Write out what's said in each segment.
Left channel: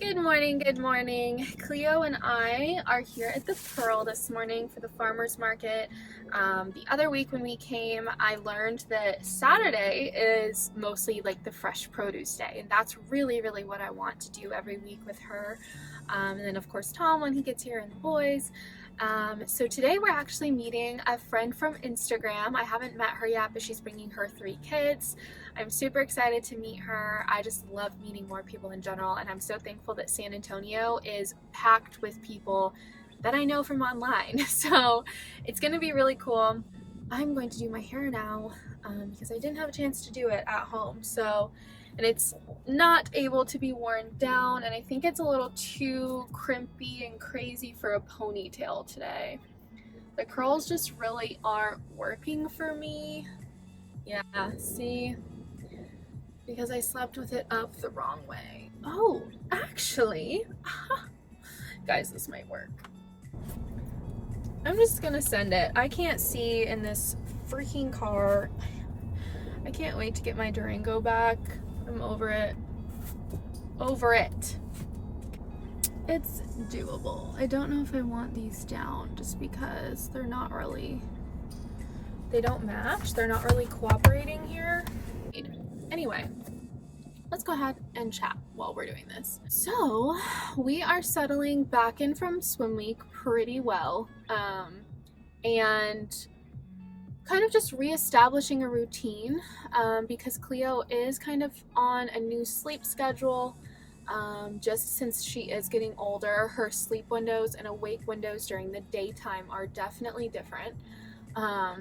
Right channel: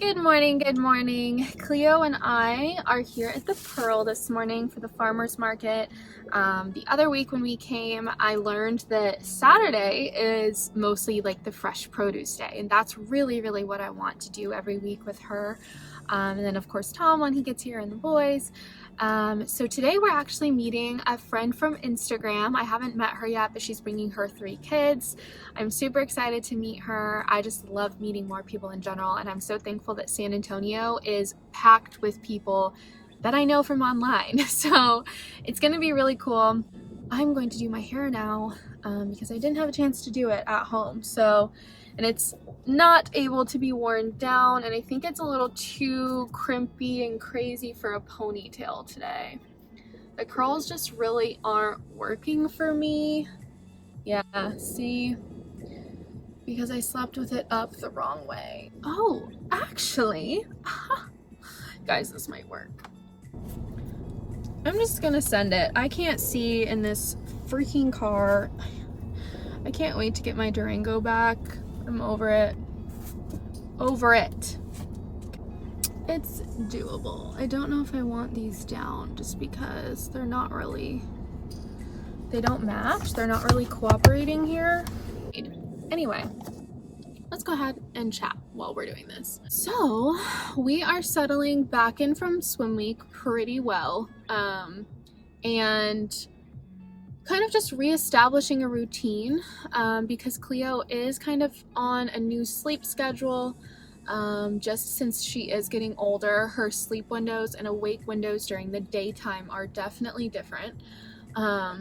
Good morning, good morning. Cleo and I are here at the Pearl this morning for the farmer's market. The other week when we came, I learned that Saturday is mostly like the fresh produce day, and that's really what I want to do every week with her. And then of course Tom when he gets here and the boys. So today we're actually meeting a friend from Instagram. I haven't met her yet, but she's bringing her 3 kids. I'm super excited to meet her. I just love meeting more people in general, and I'm so thankful that San Antonio is packed with people that I know from online. So it's gonna be really cool. I'm going to do my hair now because I didn't have a chance to do it at home. And it's not able to be worn down, and I think it's a little too crimpy and crazy for a ponytail today. The curls just really aren't working for me. Yeah, see? Because I slept with it up the wrong way. Oh, actually, guys, this might work. I'm just gonna send it. I can't see in this freaking car. I can't wait to get my Durango back. I'm over it. Over it. It's doable. I don't know if I want these down just because they're not really, they don't match. They're not really cooperating here. Anyway, let's go ahead and chat while we're doing this. So we are settling back in from swim week pretty well, and kind of just reestablishing a routine because Cleo is kind of on a new sleep schedule. Just since she is getting older, her sleep windows and awake windows during the daytime are definitely different.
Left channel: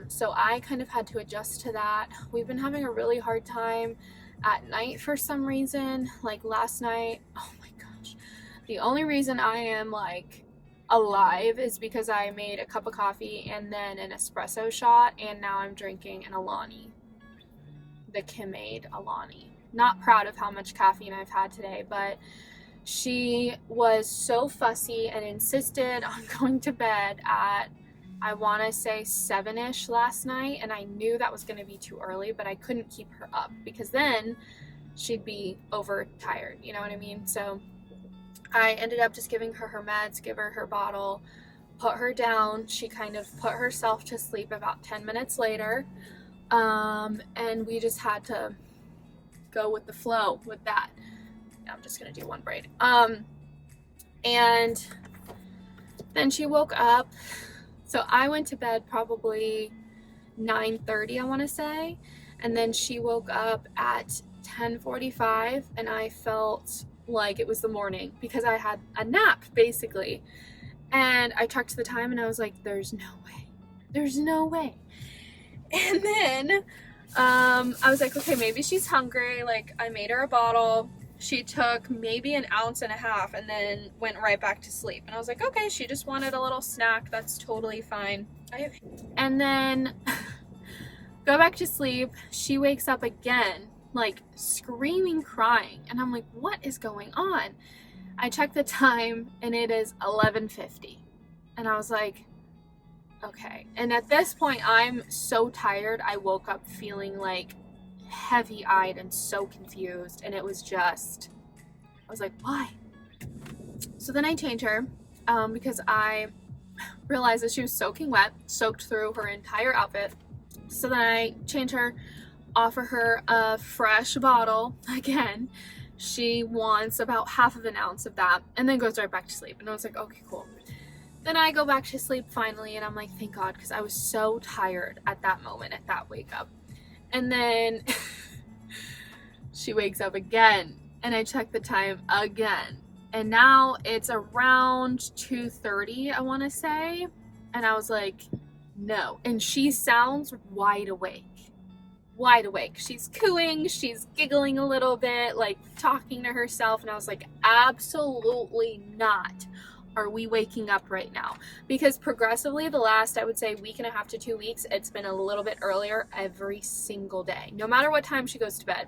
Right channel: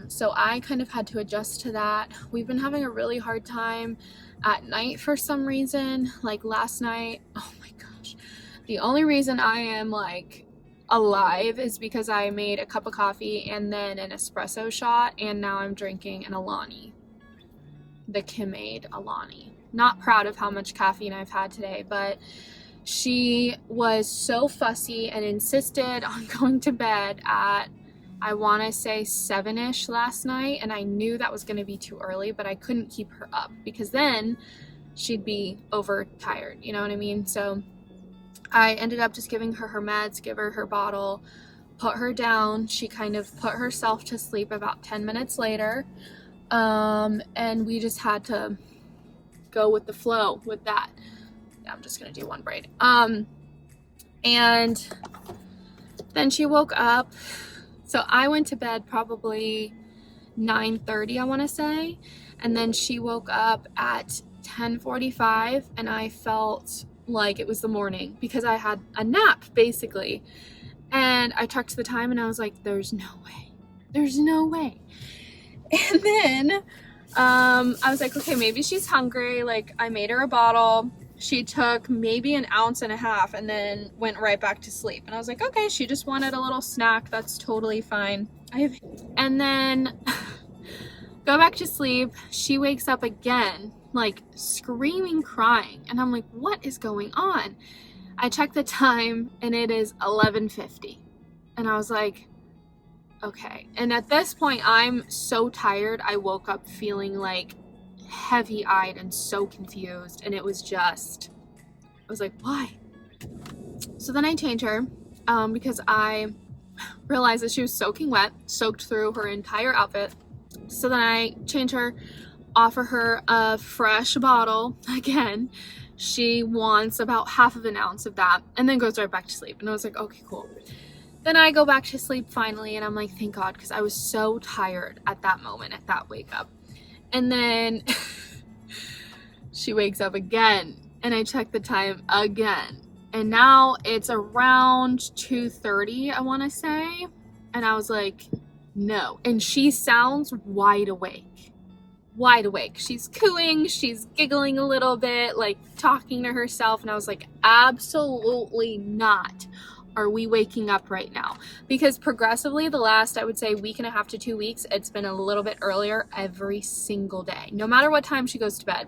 So I kind of had to adjust to that. We've been having a really hard time at night for some reason. Like last night, oh my gosh, the only reason I am like alive is because I made a cup of coffee and then an espresso shot, and now I'm drinking an Alani, the Kim-Aid Alani. Not proud of how much caffeine I've had today, but she was so fussy and insisted on going to bed at, I want to say 7-ish last night, and I knew that was going to be too early, but I couldn't keep her up because then she'd be overtired, you know what I mean? So I ended up just giving her her meds, give her her bottle, put her down. She kind of put herself to sleep about 10 minutes later, and we just had to go with the flow with that. Now I'm just going to do one braid. And then she woke up. So I went to bed probably 9:30, I want to say, and then she woke up at 10:45, and I felt like it was the morning because I had a nap basically. And I checked the time and I was like, there's no way. And then I was like, okay, maybe she's hungry. Like I made her a bottle. She took maybe an ounce and a half and then went right back to sleep. And I was like, okay, she just wanted a little snack. That's totally fine. And then go back to sleep. She wakes up again, like screaming, crying. And I'm like, what is going on? I checked the time and it is 11:50. And I was like, okay. And at this point, I'm so tired. I woke up feeling like heavy-eyed and so confused, and it was just, I was like, why? So then I changed her because I realized that she was soaking wet, soaked through her entire outfit. So then I changed her, offer her a fresh bottle again. She wants about half of an ounce of that and then goes right back to sleep. And I was like, okay, cool. Then I go back to sleep finally, and I'm like, thank God, because I was so tired at that moment, at that wake up. And then she wakes up again, and I check the time again. And now it's around 2:30, I want to say. And I was like, no. And she sounds wide awake. Wide awake. She's cooing, she's giggling a little bit, like talking to herself. And I was like, absolutely not are we waking up right now. Because progressively the last, I would say, week and a half to 2 weeks, it's been a little bit earlier every single day. No matter what time she goes to bed.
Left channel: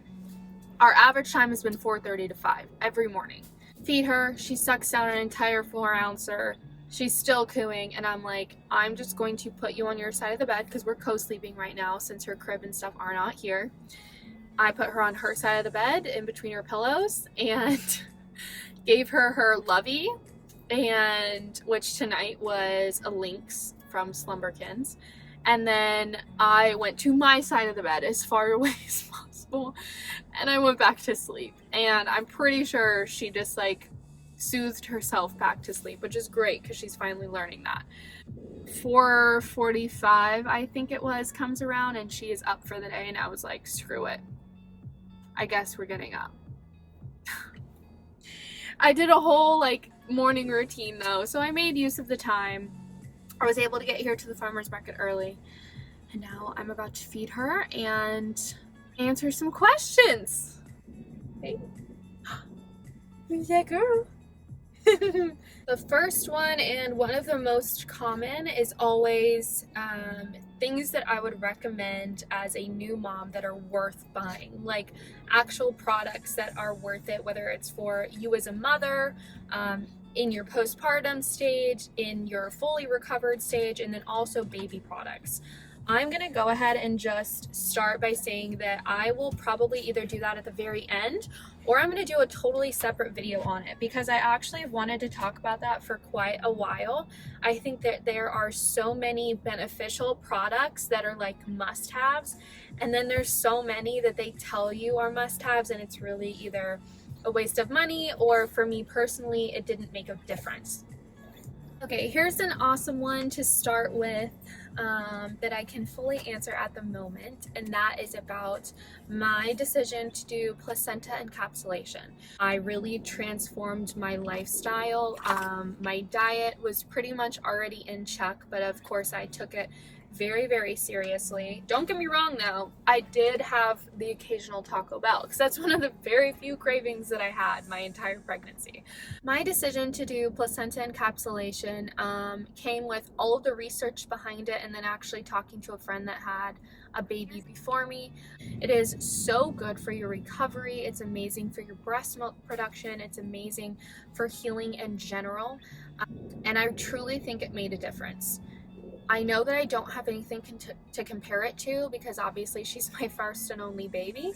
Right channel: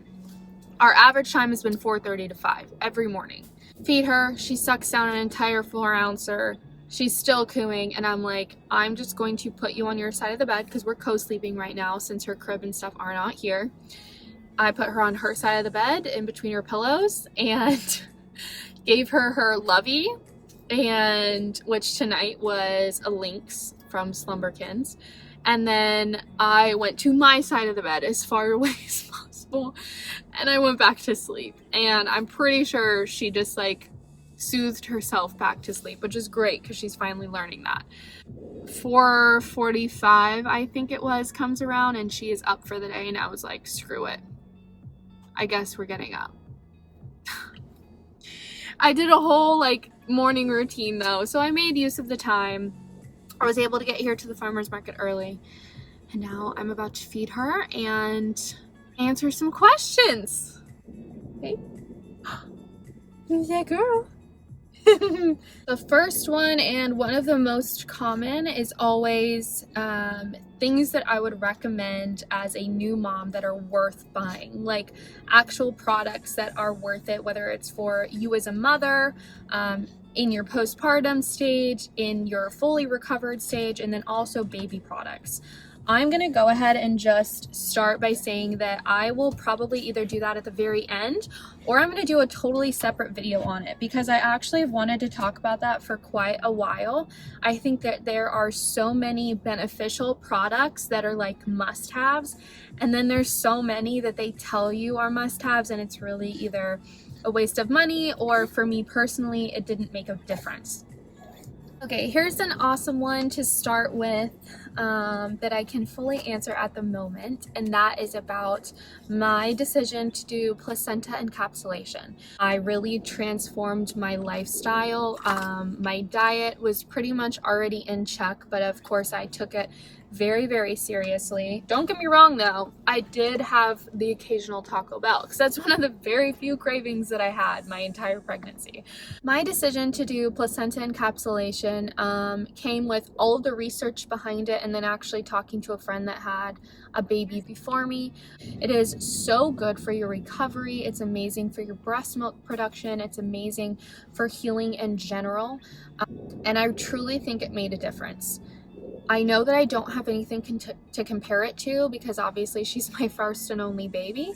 Our average time has been 4:30 to 5 every morning. Feed her, she sucks down an entire 4-ouncer. She's still cooing, and I'm like, I'm just going to put you on your side of the bed because we're co-sleeping right now since her crib and stuff are not here. I put her on her side of the bed in between her pillows, and Gave her her lovey, and which tonight was a lynx from Slumberkins. And then I went to my side of the bed as far away as possible, and I went back to sleep. And I'm pretty sure she just like soothed herself back to sleep, which is great because she's finally learning that. 4:45, I think it was, comes around and she is up for the day, and I was like, screw it, I guess we're getting up. I did a whole like morning routine though, so I made use of the time. I was able to get here to the farmer's market early, and now I'm about to feed her and answer some questions. Hey, who's that girl? The first one, and one of the most common, is always things that I would recommend as a new mom that are worth buying, like actual products that are worth it, whether it's for you as a mother, in your postpartum stage, in your fully recovered stage, and then also baby products. I'm gonna go ahead and just start by saying that I will probably either do that at the very end, or I'm gonna do a totally separate video on it, because I actually have wanted to talk about that for quite a while. I think that there are so many beneficial products that are like must-haves, and then there's so many that they tell you are must-haves, and it's really either a waste of money, or for me personally, it didn't make a difference. Okay, here's an awesome one to start with that I can fully answer at the moment, and that is about my decision to do placenta encapsulation. I really transformed my lifestyle. My diet was pretty much already in check, but of course I took it very, very seriously. Don't get me wrong though, I did have the occasional Taco Bell, because that's one of the very few cravings that I had my entire pregnancy. My decision to do placenta encapsulation came with all of the research behind it, and then actually talking to a friend that had a baby before me. It is so good for your recovery. It's amazing for your breast milk production. It's amazing for healing in general. And I truly think it made a difference. I know that I don't have anything to compare it to, because obviously she's my first and only baby,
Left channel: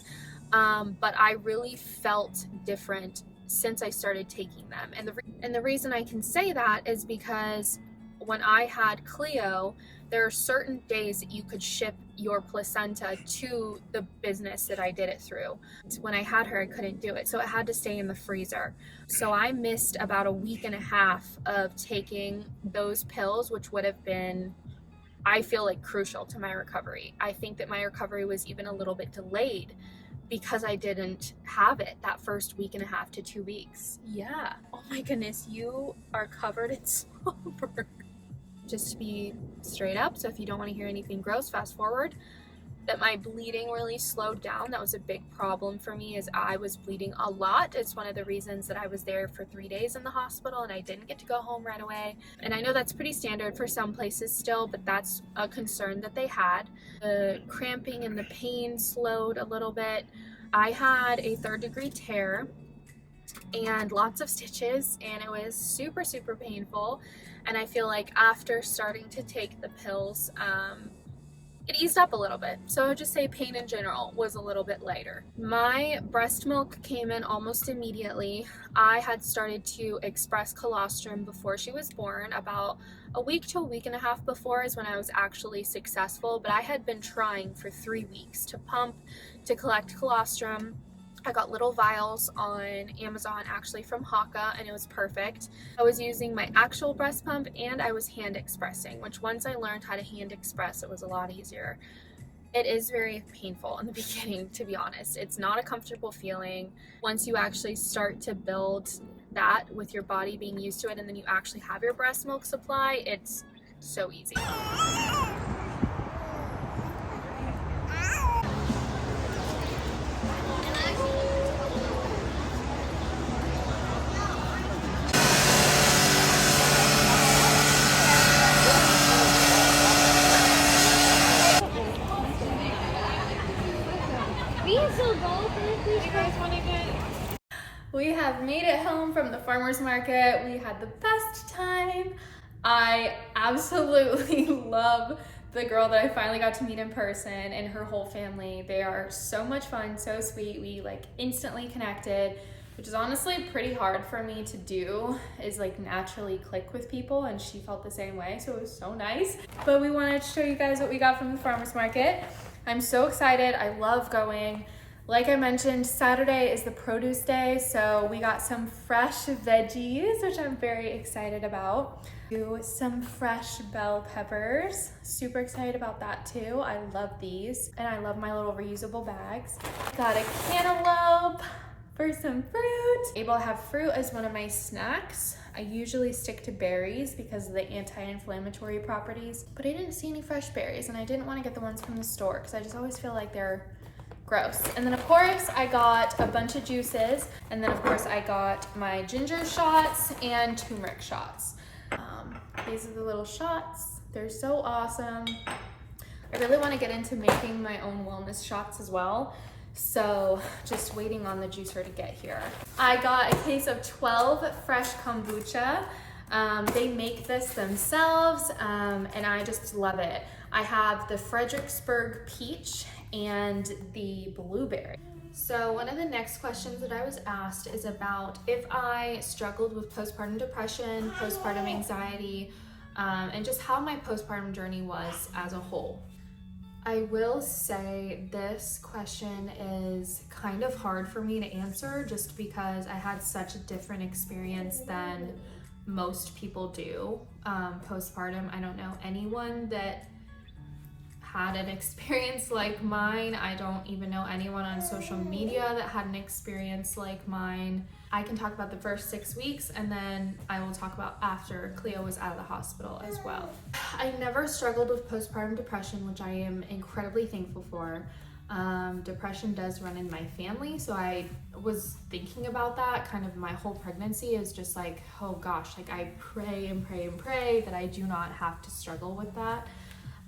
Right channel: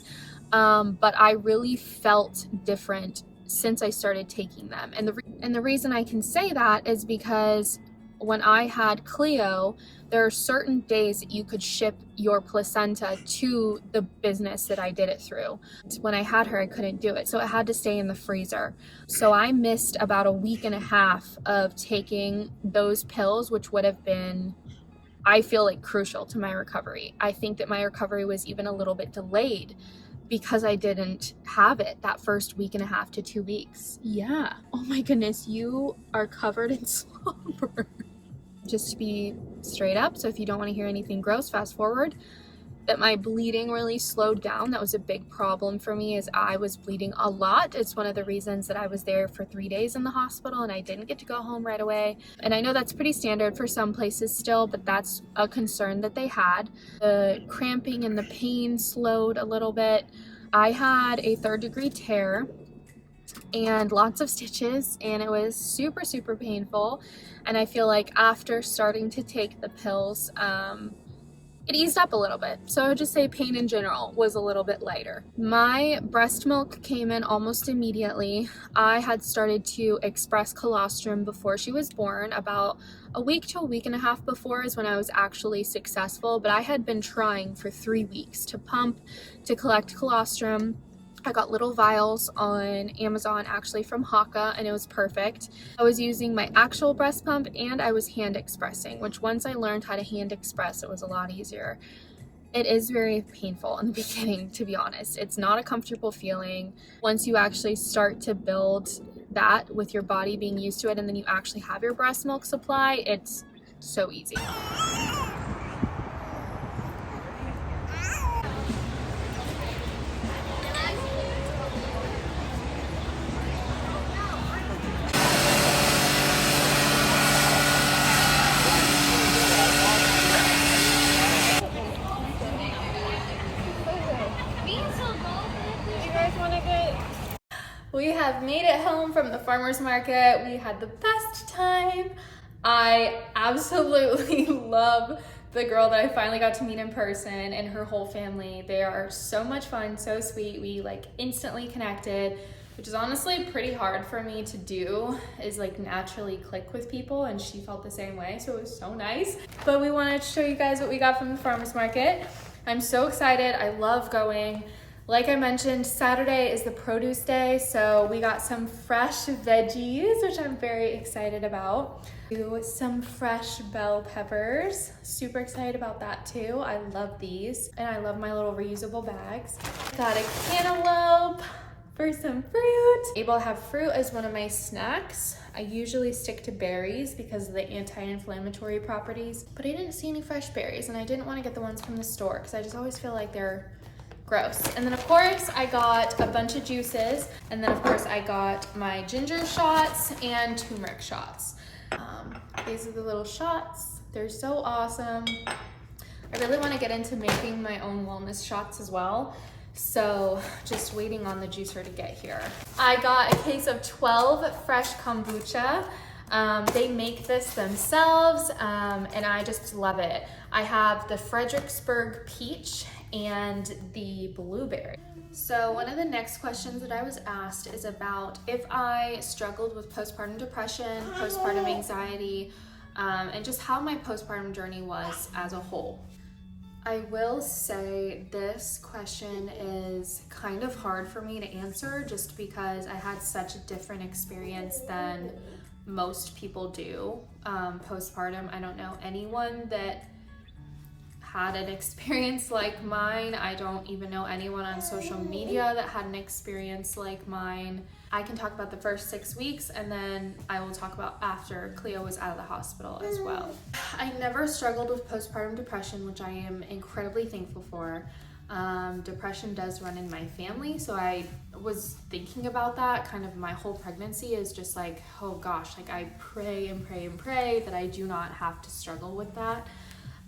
but I really felt different since I started taking them. And the reason I can say that is because when I had Cleo, there are certain days that you could ship your placenta to the business that I did it through. When I had her, I couldn't do it, so it had to stay in the freezer. So I missed about a week and a half of taking those pills, which would have been, I feel like, crucial to my recovery. I think that my recovery was even a little bit delayed because I didn't have it that first week and a half to 2 weeks. Yeah. Oh my goodness, you are covered in slobber. Just to be straight up, so if you don't want to hear anything gross, fast forward, that my bleeding really slowed down. That was a big problem for me, is I was bleeding a lot. It's one of the reasons that I was there for 3 days in the hospital and I didn't get to go home right away. And I know that's pretty standard for some places still, but that's a concern that they had. The cramping and the pain slowed a little bit. I had a 3rd-degree tear and lots of stitches, and it was super, super painful. And I feel like after starting to take the pills, it eased up a little bit. So I would just say pain in general was a little bit lighter. My breast milk came in almost immediately. I had started to express colostrum before she was born. About a week to a week and a half before is when I was actually successful, but I had been trying for 3 weeks to pump, to collect colostrum. I got little vials on Amazon, actually from Haka, and it was perfect. I was using my actual breast pump, and I was hand expressing, which once I learned how to hand express, it was a lot easier. It is very painful in the beginning, to be honest. It's not a comfortable feeling. Once you actually start to build that with your body being used to it, and then you actually have your breast milk supply, it's so easy. We have made it home from the farmer's market. We had the best time. I absolutely love the girl that I finally got to meet in person and her whole family. They are so much fun, so sweet. We like instantly connected. which is honestly pretty hard for me to do, is like naturally click with people, and she felt the same way, so it was so nice. But we wanted to show you guys what we got from the farmer's market. I'm so excited. I love going. Like I mentioned, Saturday is the produce day, so we got some fresh veggies, which I'm very excited about. Some fresh bell peppers. Super excited about that too. I love these, and I love my little reusable bags. Got a cantaloupe for some fruit. Able to have fruit as one of my snacks. I usually stick to berries because of the anti-inflammatory properties, but I didn't see any fresh berries, and I didn't want to get the ones from the store because I just always feel like they're gross. And then of course I got a bunch of juices, and then of course I got my ginger shots and turmeric shots. These are the little shots. They're so awesome. I really want to get into making my own wellness shots as well, so just waiting on the juicer to get here. I got a case of 12 fresh kombucha. They make this themselves, and I just love it. I have the Fredericksburg peach and the blueberry. So one of the next questions that I was asked is about if I struggled with postpartum depression, postpartum anxiety, and just how my postpartum journey was as a whole. I will say this question is kind of hard for me to answer just because I had such a different experience than most people do postpartum. I don't know anyone that had an experience like mine. I don't even know anyone on social media that had an experience like mine. I can talk about the first 6 weeks, and then I will talk about after Cleo was out of the hospital as well. I never struggled with postpartum depression, which I am incredibly thankful for. Depression does run in my family, so I was thinking about that kind of my whole pregnancy, is just like, oh gosh, like I pray and pray and pray that I do not have to struggle with that.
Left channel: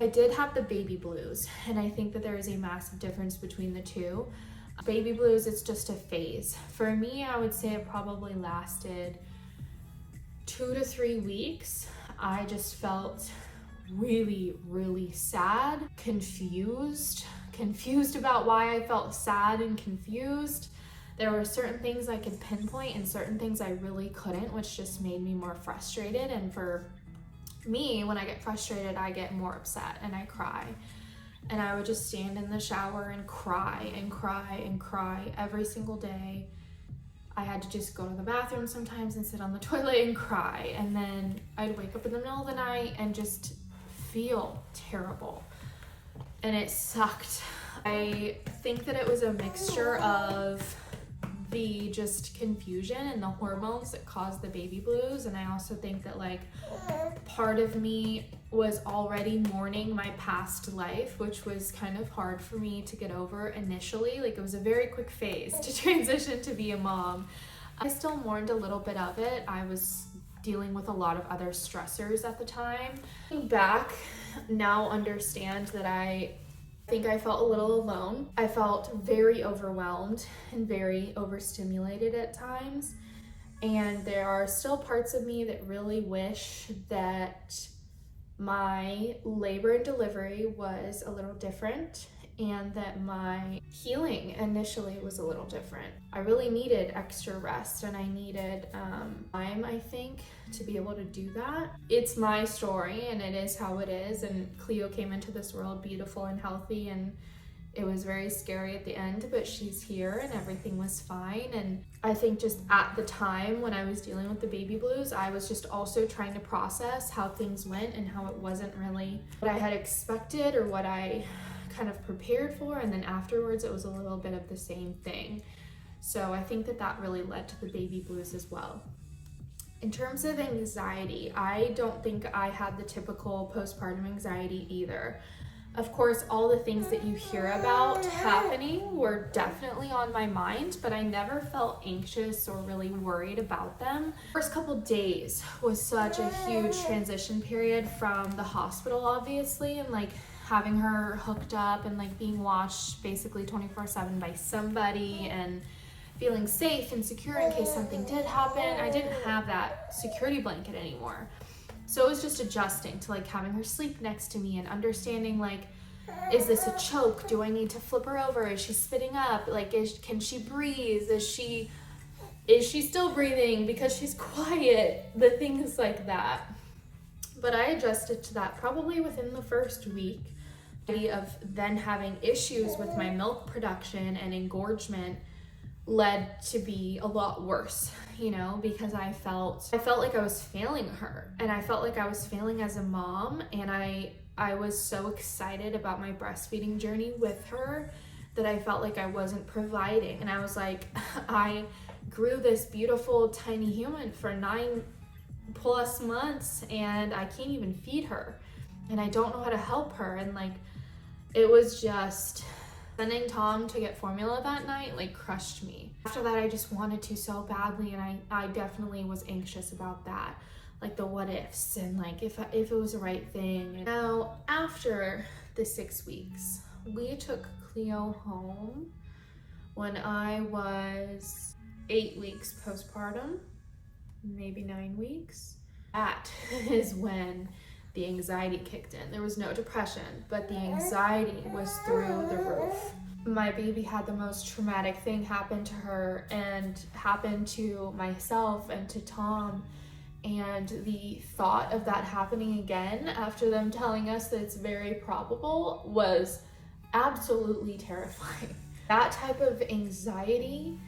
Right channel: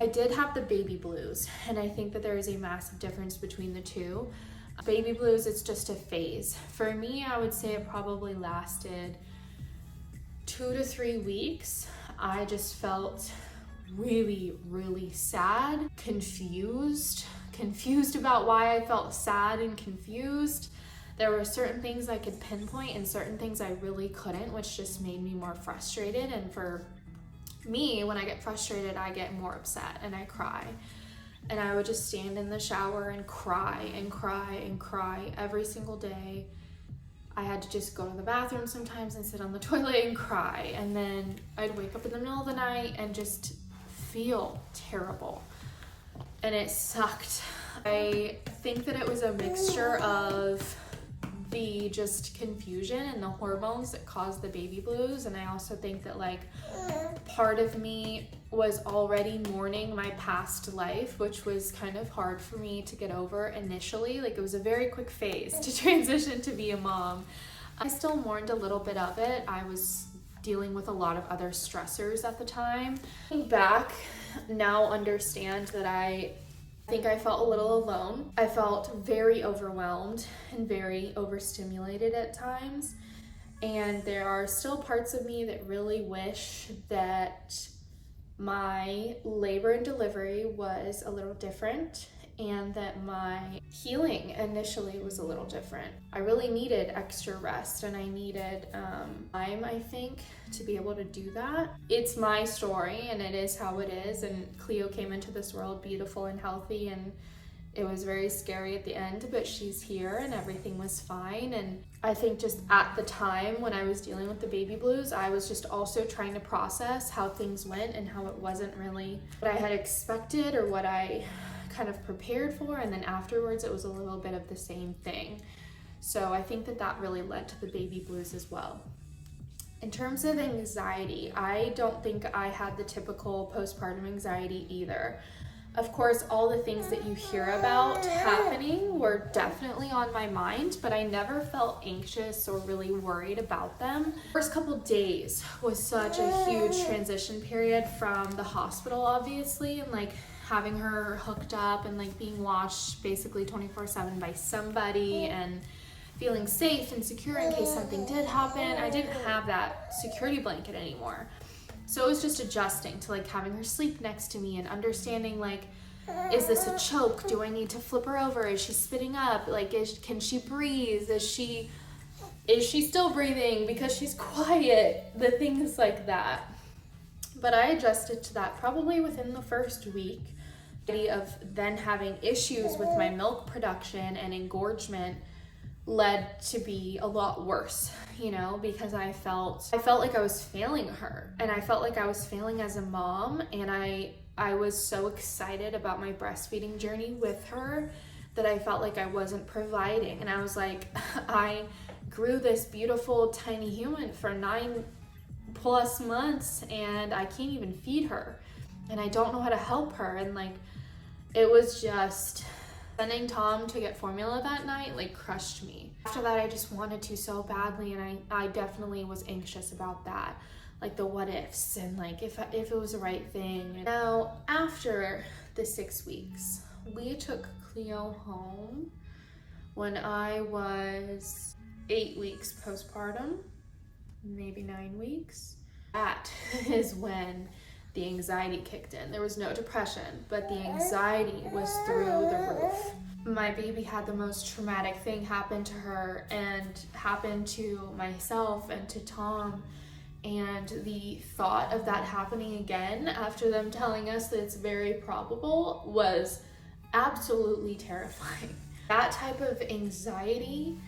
I did have the baby blues, and I think that there is a massive difference between the two. Baby blues, it's just a phase. For me, I would say it probably lasted 2 to 3 weeks. I just felt really, really sad, confused about why I felt sad and confused. There were certain things I could pinpoint and certain things I really couldn't, which just made me more frustrated. And for me, when I get frustrated, I get more upset and I cry. And I would just stand in the shower and cry and cry and cry every single day. I had to just go to the bathroom sometimes and sit on the toilet and cry. And then I'd wake up in the middle of the night and just feel terrible. And it sucked. I think that it was a mixture of the just confusion and the hormones that caused the baby blues, and I also think that like part of me was already mourning my past life, which was kind of hard for me to get over initially. Like it was a very quick phase to transition to be a mom. I still mourned a little bit of it. I was dealing with a lot of other stressors at the time. Looking back, now understand that I think I felt a little alone. I felt very overwhelmed and very overstimulated at times. And there are still parts of me that really wish that my labor and delivery was a little different, and that my healing initially was a little different. I really needed extra rest, and I needed time, I think, to be able to do that. It's my story, and it is how it is, and Cleo came into this world beautiful and healthy, and it was very scary at the end, but she's here and everything was fine. And I think just at the time when I was dealing with the baby blues, I was just also trying to process how things went and how it wasn't really what I had expected or what I kind of prepared for, and then afterwards it was a little bit of the same thing. So I think that that really led to the baby blues as well. In terms of anxiety, I don't think I had the typical postpartum anxiety either. Of course, all the things that you hear about happening were definitely on my mind, but I never felt anxious or really worried about them. First couple days was such a huge transition period from the hospital, obviously, and like having her hooked up and like being watched basically 24/7 by somebody and feeling safe and secure in case something did happen. I didn't have that security blanket anymore. So it was just adjusting to like having her sleep next to me and understanding like, is this a choke? Do I need to flip her over? Is she spitting up? Like, can she breathe? Is she Is she still breathing because she's quiet? The things like that. But I adjusted to that probably within the first week of then having issues with my milk production and engorgement led to be a lot worse, you know, because I felt like I was failing her, and I felt like I was failing as a mom, and I was so excited about my breastfeeding journey with her that I felt like I wasn't providing. And I was like, I grew this beautiful tiny human for 9+ months and I can't even feed her, and I don't know how to help her. And like, it was just, sending Tom to get formula that night like crushed me. After that, I just wanted to so badly, and I definitely was anxious about that, like the what ifs and like if it was the right thing. And now after the 6 weeks, we took Cleo home when I was 8 weeks postpartum, maybe 9 weeks. That is when the anxiety kicked in. There was no depression, but the anxiety was through the roof. My baby had the most traumatic thing happen to her and happen to myself and to Tom. And the thought of that happening again after them telling us that it's very probable was absolutely terrifying. That type of anxiety,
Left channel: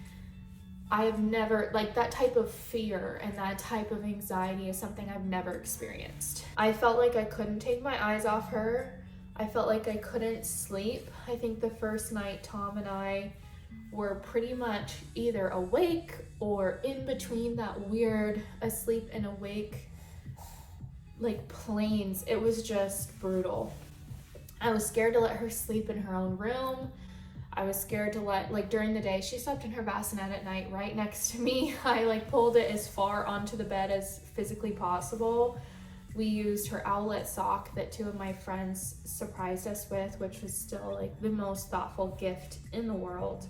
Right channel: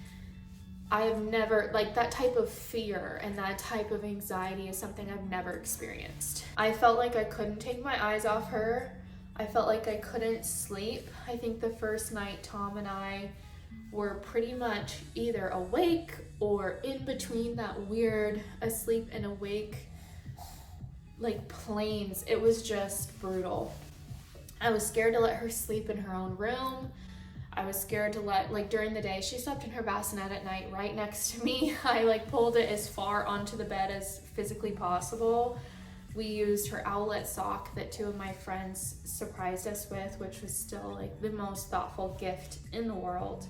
I have never, like that type of fear and that type of anxiety is something I've never experienced. I felt like I couldn't take my eyes off her. I felt like I couldn't sleep. I think the first night Tom and I were pretty much either awake or in between that weird asleep and awake like planes. It was just brutal. I was scared to let her sleep in her own room. I was scared to like during the day, she slept in her bassinet at night right next to me. I like pulled it as far onto the bed as physically possible. We used her owlet sock that 2 of my friends surprised us with, which was still like the most thoughtful gift in the world.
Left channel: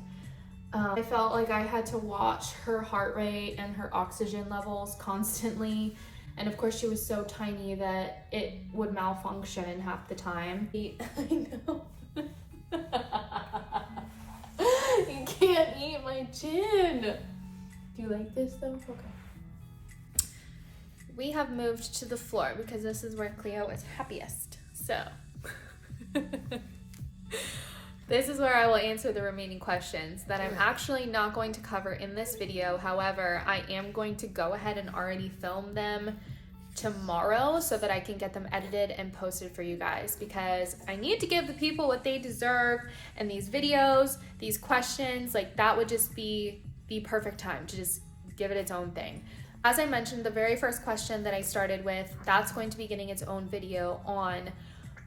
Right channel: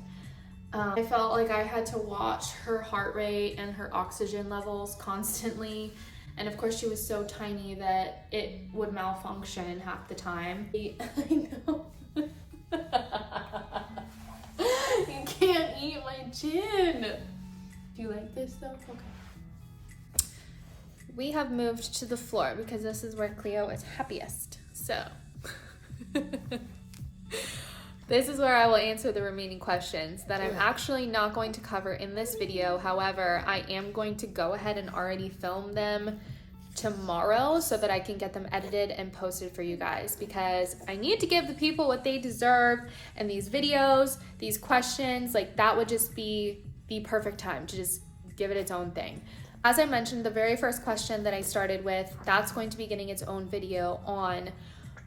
I felt like I had to watch her heart rate and her oxygen levels constantly. And of course she was so tiny that it would malfunction half the time. I know. You can't eat my chin. Do you like this though? Okay. We have moved to the floor because this is where Cleo is happiest. So this is where I will answer the remaining questions that I'm actually not going to cover in this video. However, I am going to go ahead and already film them tomorrow so that I can get them edited and posted for you guys, because I need to give the people what they deserve. And these videos, these questions, like that would just be the perfect time to just give it its own thing. As I mentioned, the very first question that I started with, that's going to be getting its own video on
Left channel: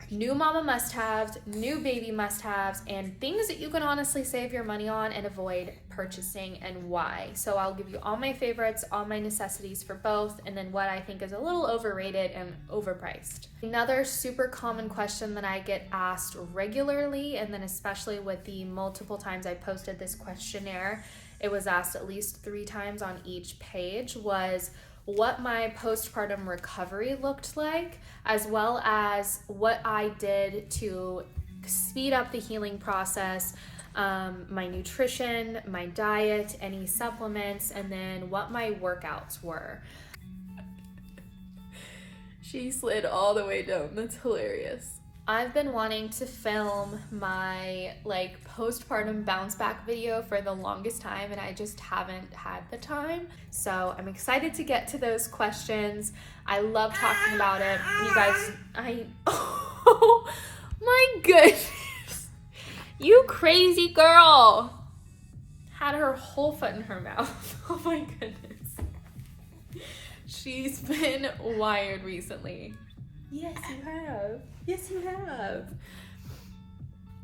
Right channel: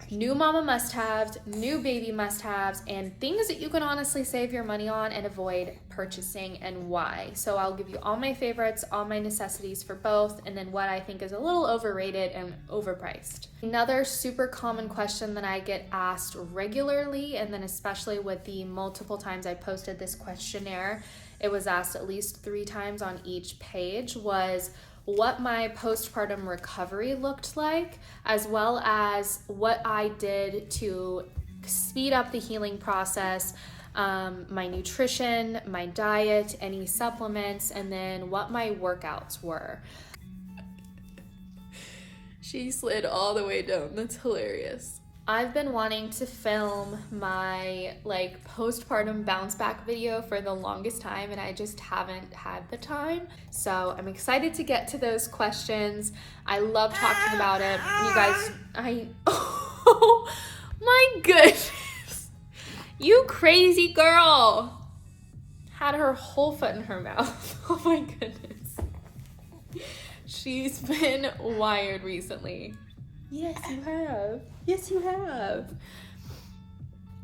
new mama must-haves, new baby must-haves, and things that you can honestly save your money on and avoid purchasing, and why. So I'll give you all my favorites, all my necessities for both, and then what I think is a little overrated and overpriced. Another super common question that I get asked regularly, and then especially with the multiple times I posted this questionnaire, it was asked at least 3 times on each page, was what my postpartum recovery looked like, as well as what I did to speed up the healing process, my nutrition, my diet, any supplements, and then what my workouts were. She slid all the way down. That's hilarious. I've been wanting to film my like postpartum bounce back video for the longest time, and I just haven't had the time. So I'm excited to get to those questions. I love talking about it. You guys, oh my goodness. You crazy girl. Had her whole foot in her mouth. Oh my goodness. She's been wired recently. Yes, you have. Yes, you have.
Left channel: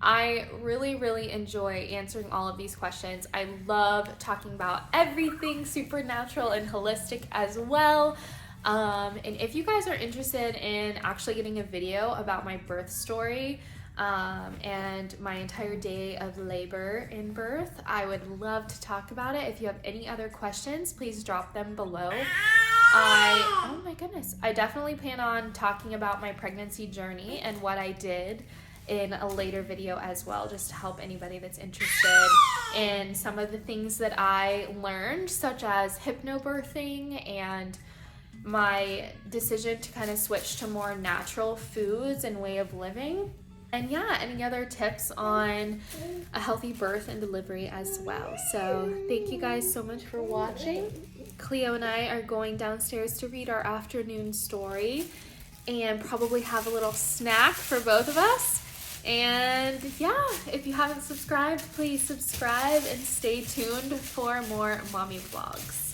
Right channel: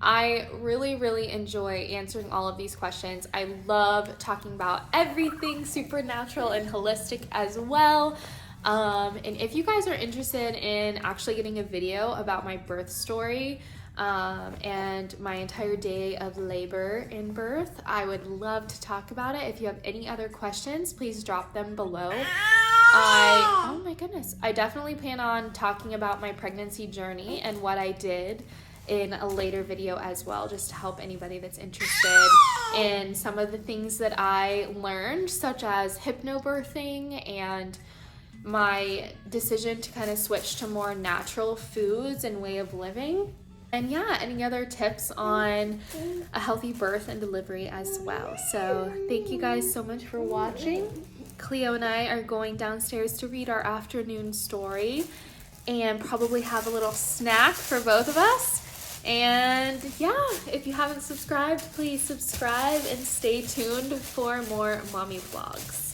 I really enjoy answering all of these questions. I love talking about everything supernatural and holistic as well. And if you guys are interested in actually getting a video about my birth story and my entire day of labor and birth, I would love to talk about it. If you have any other questions, please drop them below. Oh my goodness. I definitely plan on talking about my pregnancy journey and what I did in a later video as well, just to help anybody that's interested in some of the things that I learned, such as hypnobirthing and my decision to kind of switch to more natural foods and way of living. And yeah, any other tips on a healthy birth and delivery as well. So thank you guys so much for watching. Cleo and I are going downstairs to read our afternoon story and probably have a little snack for both of us. And yeah, if you haven't subscribed, please subscribe and stay tuned for more mommy vlogs.